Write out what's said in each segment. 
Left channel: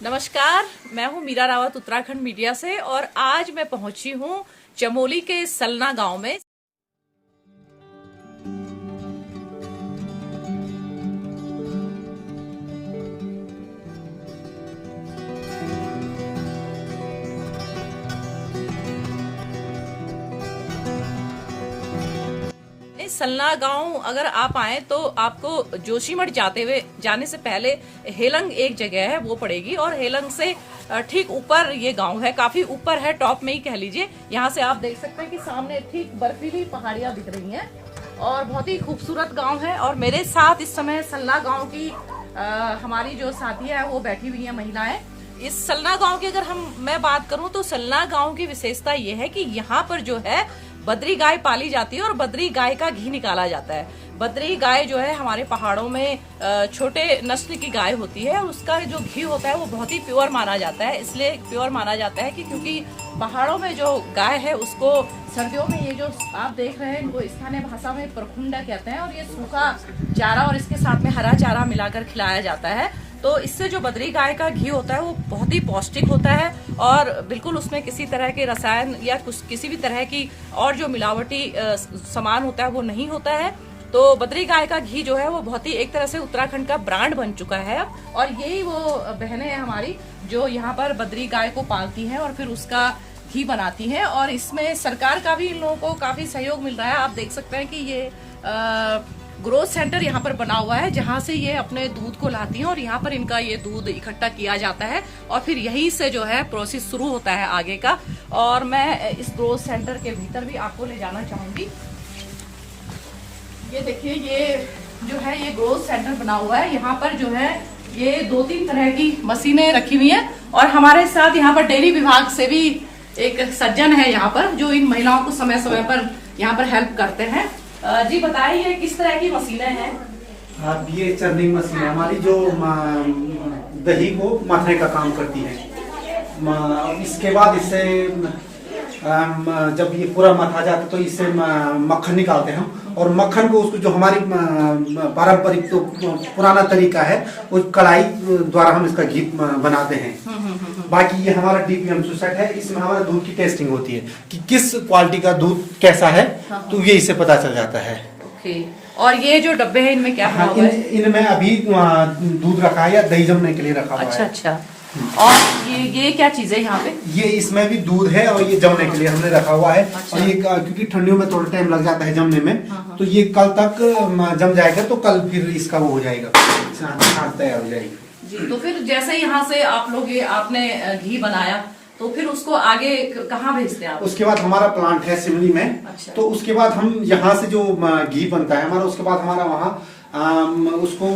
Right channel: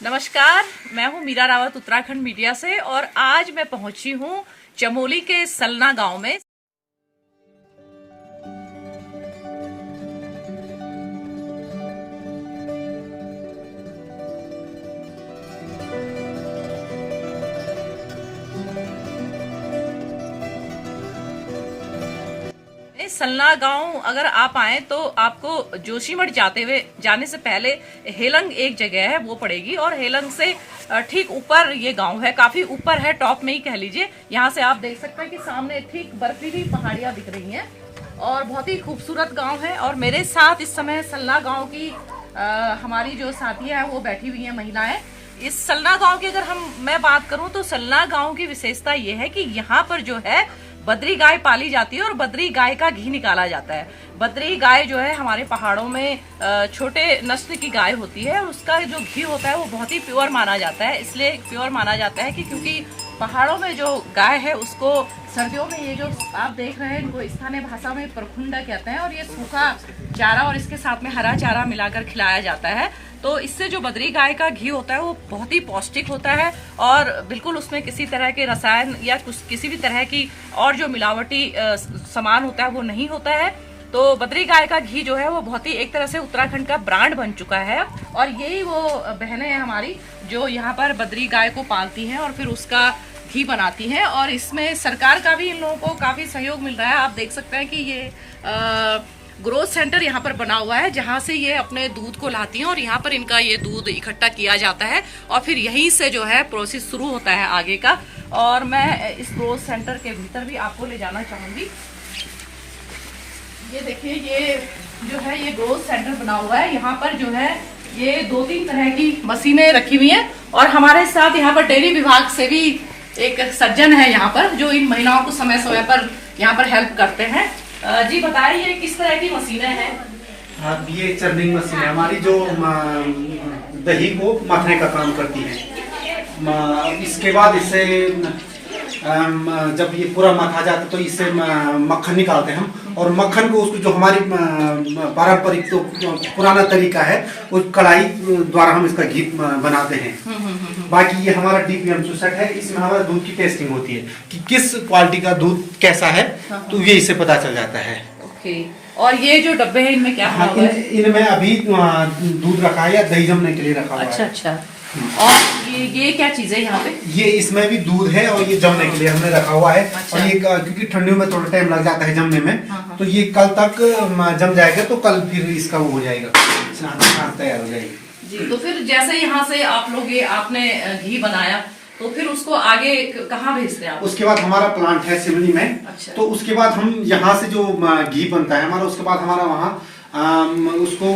नमस्कार, मैं हूं मीरा रावत उत्तराखंड मीडिया से और आज मैं पहुंची हूं चमोली के सलना गांव में। सलना गांव अगर आप आए तो आपको जोशीमठ जाने से पहले हेलंग एक जगह है वो पड़ेगी और हेलंग से ठीक ऊपर ये गांव है, काफी ऊपर है, टॉप में ही कह लीजिए। यहाँ से आप देख सकते हैं कि सामने ठीक बर्फीली पहाड़ियां दिख रही हैं और बहुत ही खूबसूरत गांव है। और मेरे साथ इस समय सलना गांव की हमारी जो साथियां हैं वो बैठी हुई हैं, महिलाएं। इस सलना गांव की अगर मैं बात करूं तो सलना गांव की विशेषता ये है कि यहाँ पर जो है बद्री गाय पाली जाती है और बद्री गाय का घी निकाला जाता है। बद्री गाय जो है हमारे पहाड़ों में छोटे नस्ल की गाय होती है और उसका जो घी होता है वो बहुत ही प्योर माना जाता है। इसलिए प्योर माना जाता है कि क्योंकि पहाड़ों में जो गाय है उसको सर्दियों में ये जो आप देख रहे हैं इनको स्थानीय भाषा में परखुंडा कहते हैं और ये सूखा चारा और इसके साथ में हरा चारा मिलाकर खिलाया जाता है। तो इससे जो बद्री गाय का घी होता है वो बहुत ही पौष्टिक होता है और बिल्कुल उसमें किसी तरह के रसायन या किसी भी तरह की और जो मिलावटी सामान होता है वो नहीं होता है। तो बद्री गाय का घी जो है वो बहुत ही एक तरह से उत्तराखंड का ब्रांड बन चुका है और यही वो बहनें हैं हमारी जो यहाँ पर बद्री गाय को पालती हैं और फिर उसका घी बनाती हैं। और इसमें सरकार का भी इन लोगों को काफी सहयोग मिल रहा है। आप देख सकते हैं कि ये ग्रोथ सेंटर यहाँ पर बना हुआ है जहाँ से ये अपने दूध को लाती हैं और यहाँ पर इनका ये दूध इकट्ठा किया जाता है और फिर यहीं से जो है प्रोसेस शुरू होता है आगे का। और मैं इस ग्रोथ सेंटर के भीतर भी आपको ले जाना चाहूंगी। ये देखिए, ये जो है ये ग्रोथ सेंटर बना हुआ है। यहाँ पर जो है ये 2-3 तरह की मशीनें रखी हुई हैं और हमारे साथ यहाँ पर डेयरी विभाग से भी एक सज्जन है यहाँ पर जो इन महिलाओं को समय समय पर यहाँ पर हेल्प करते हैं। जी बताइए किस तरह की मशीनें हैं? हाँ, ये चर्निंग मशीन है हमारी जो दही को मथने का काम करती है। इसके बाद इससे जब ये पूरा मथा जाता तो इससे मक्खन निकालते हैं हम और मक्खन को उसको जो हमारी पारंपरिक तो पुराना तरीका है वो कढ़ाई द्वारा हम इसका घी बनाते हैं। बाकी ये हमारा डीपीएम सुसेट है, इसमें हमारा दूध की टेस्टिंग होती है कि किस क्वालिटी का दूध कैसा है, तो ये इससे पता चल जाता है। ओके। और ये जो डब्बे हैं इनमें क्या हुआ है? इनमें अभी दूध रखा है या दही जमने के लिए रखा हुआ है। अच्छा अच्छा। और ये क्या चीज है यहाँ पे? ये इसमें भी दूध है और ये जमने के लिए हमने रखा हुआ है। अच्छा। और ये क्योंकि ठंडियों में थोड़ा टाइम लग जाता है जमने में, तो ये कल तक जम जाएगा तो कल फिर इसका वो हो जाएगा, तैयार हो जाएगी। जी, तो फिर जैसे यहाँ से आप लोग ये आपने घी बनाया तो फिर उसको आगे कहाँ भेजते हैं आप? उसके बाद हमारा प्लांट है सिवनी में। अच्छा। तो उसके बाद हम यहाँ से जो घी बनता है हमारा, उसके बाद हमारा वहाँ उसको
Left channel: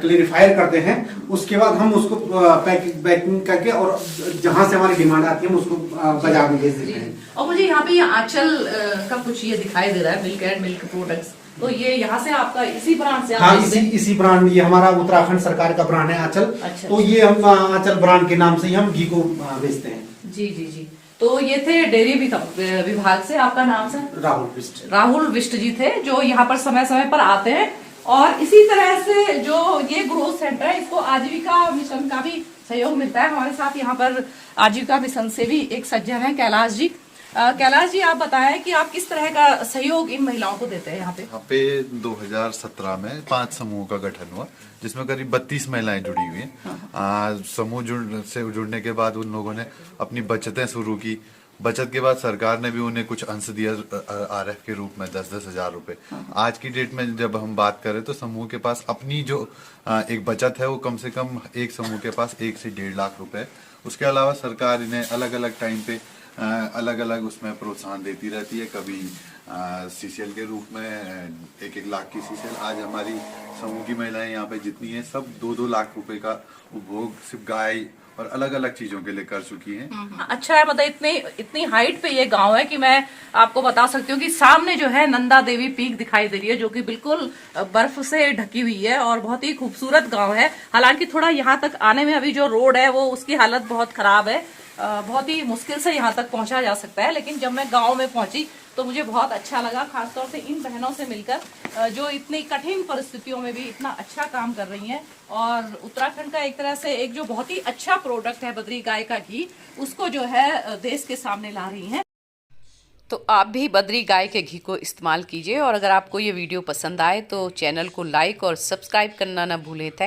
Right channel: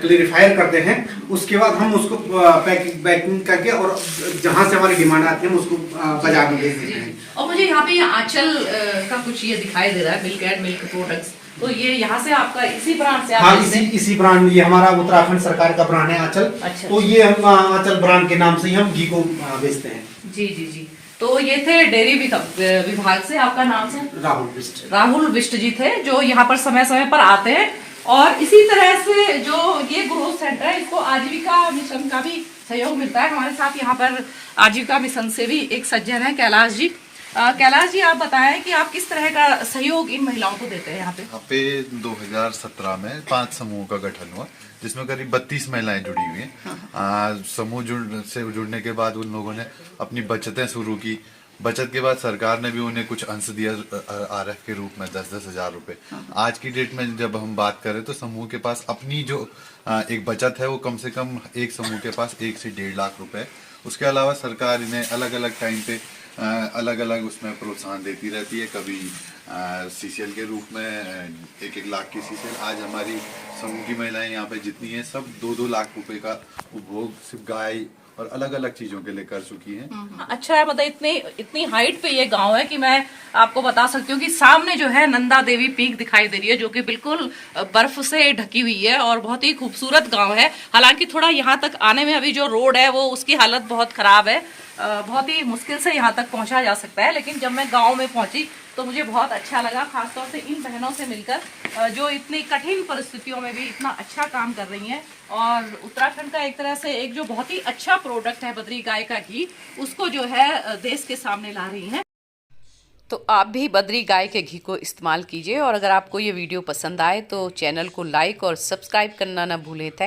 क्लेरिफायर करते हैं। उसके बाद हम उसको पैकिंग करके और जहाँ से हमारी डिमांड आती है हम उसको बाजार में भेज देते हैं। और मुझे यहाँ पे आंचल का कुछ ये दिखाई दे रहा है, मिल्क एंड मिल्क प्रोडक्ट्स, तो ये यहाँ से आपका इसी ब्रांड से? हाँ, इसी ब्रांड, ये हमारा उत्तराखंड सरकार का ब्रांड है आंचल। अच्छा। तो ये हम आंचल ब्रांड के नाम से ही हम घी को बेचते हैं। जी जी जी। तो ये थे डेयरी विभाग से, आपका नाम से? राहुल बिष्ट जी थे जो यहाँ पर समय समय पर आते हैं। और इसी तरह से जो ये ग्रोथ सेंटर है इसको आजीविका मिशन का भी सहयोग मिलता है। हमारे साथ यहाँ पर आजीविका मिशन से भी एक सज्जन है, कैलाश जी। कैलाश जी, आप बताएं कि आप किस तरह का सहयोग इन महिलाओं को देते हैं यहाँ पे? यहाँ पे 2017 में 5 समूहों का गठन हुआ जिसमें करीब 32 महिलाएं जुड़ी हुई हैं। समूह जुड़ने के बाद उन लोगों ने अपनी बचतें शुरू की। बचत के बाद सरकार ने भी उन्हें कुछ अंश दिया आरएफ के रूप में 10-10 हजार रुपए। आज की डेट में जब हम बात करें तो समूह के पास अपनी जो एक बचत है वो कम से कम एक समूह के पास 1 से 1.5 लाख रुपए। उसके अलावा सरकार इन्हें अलग अलग टाइम पे अलग अलग उसमें प्रोत्साहन देती रहती है। कभी सीसीएल के रूप में 1-1 लाख की सीसीएल। आज हमारी समूह की महिलाएं यहाँ पे जितनी है सब 2-2 लाख रुपए का उपभोग सिर्फ गाय और अलग अलग चीजों के लिए कर चुकी हैं। अच्छा है, मतलब इतनी हाइट पे ये गांव है कि मैं आपको बता सकती हूँ कि सामने जो है नंदा देवी पीक दिखाई दे रही है जो कि बिल्कुल बर्फ से ढकी हुई है और बहुत ही खूबसूरत गांव है। हालांकि थोड़ा यहाँ तक आने में अभी जो रोड है वो उसकी हालत बहुत खराब है। बहुत ही मुश्किल से यहाँ तक पहुँचा जा सकता है। लेकिन जब मैं गांव में पहुँची तो मुझे बहुत अच्छा लगा, खासतौर से इन बहनों से मिलकर जो इतनी कठिन परिस्थितियों में भी इतना अच्छा काम कर रही हैं। और उत्तराखंड का एक तरह से एक जो बहुत ही अच्छा प्रोडक्ट है बद्री गाय का घी, उसको जो है देश के सामने ला रही हैं। तो आप भी बद्री गाय के घी को इस्तेमाल कीजिए। और अगर आपको ये वीडियो पसंद आए तो चैनल को लाइक और सब्सक्राइब करना ना भूलें। थैंक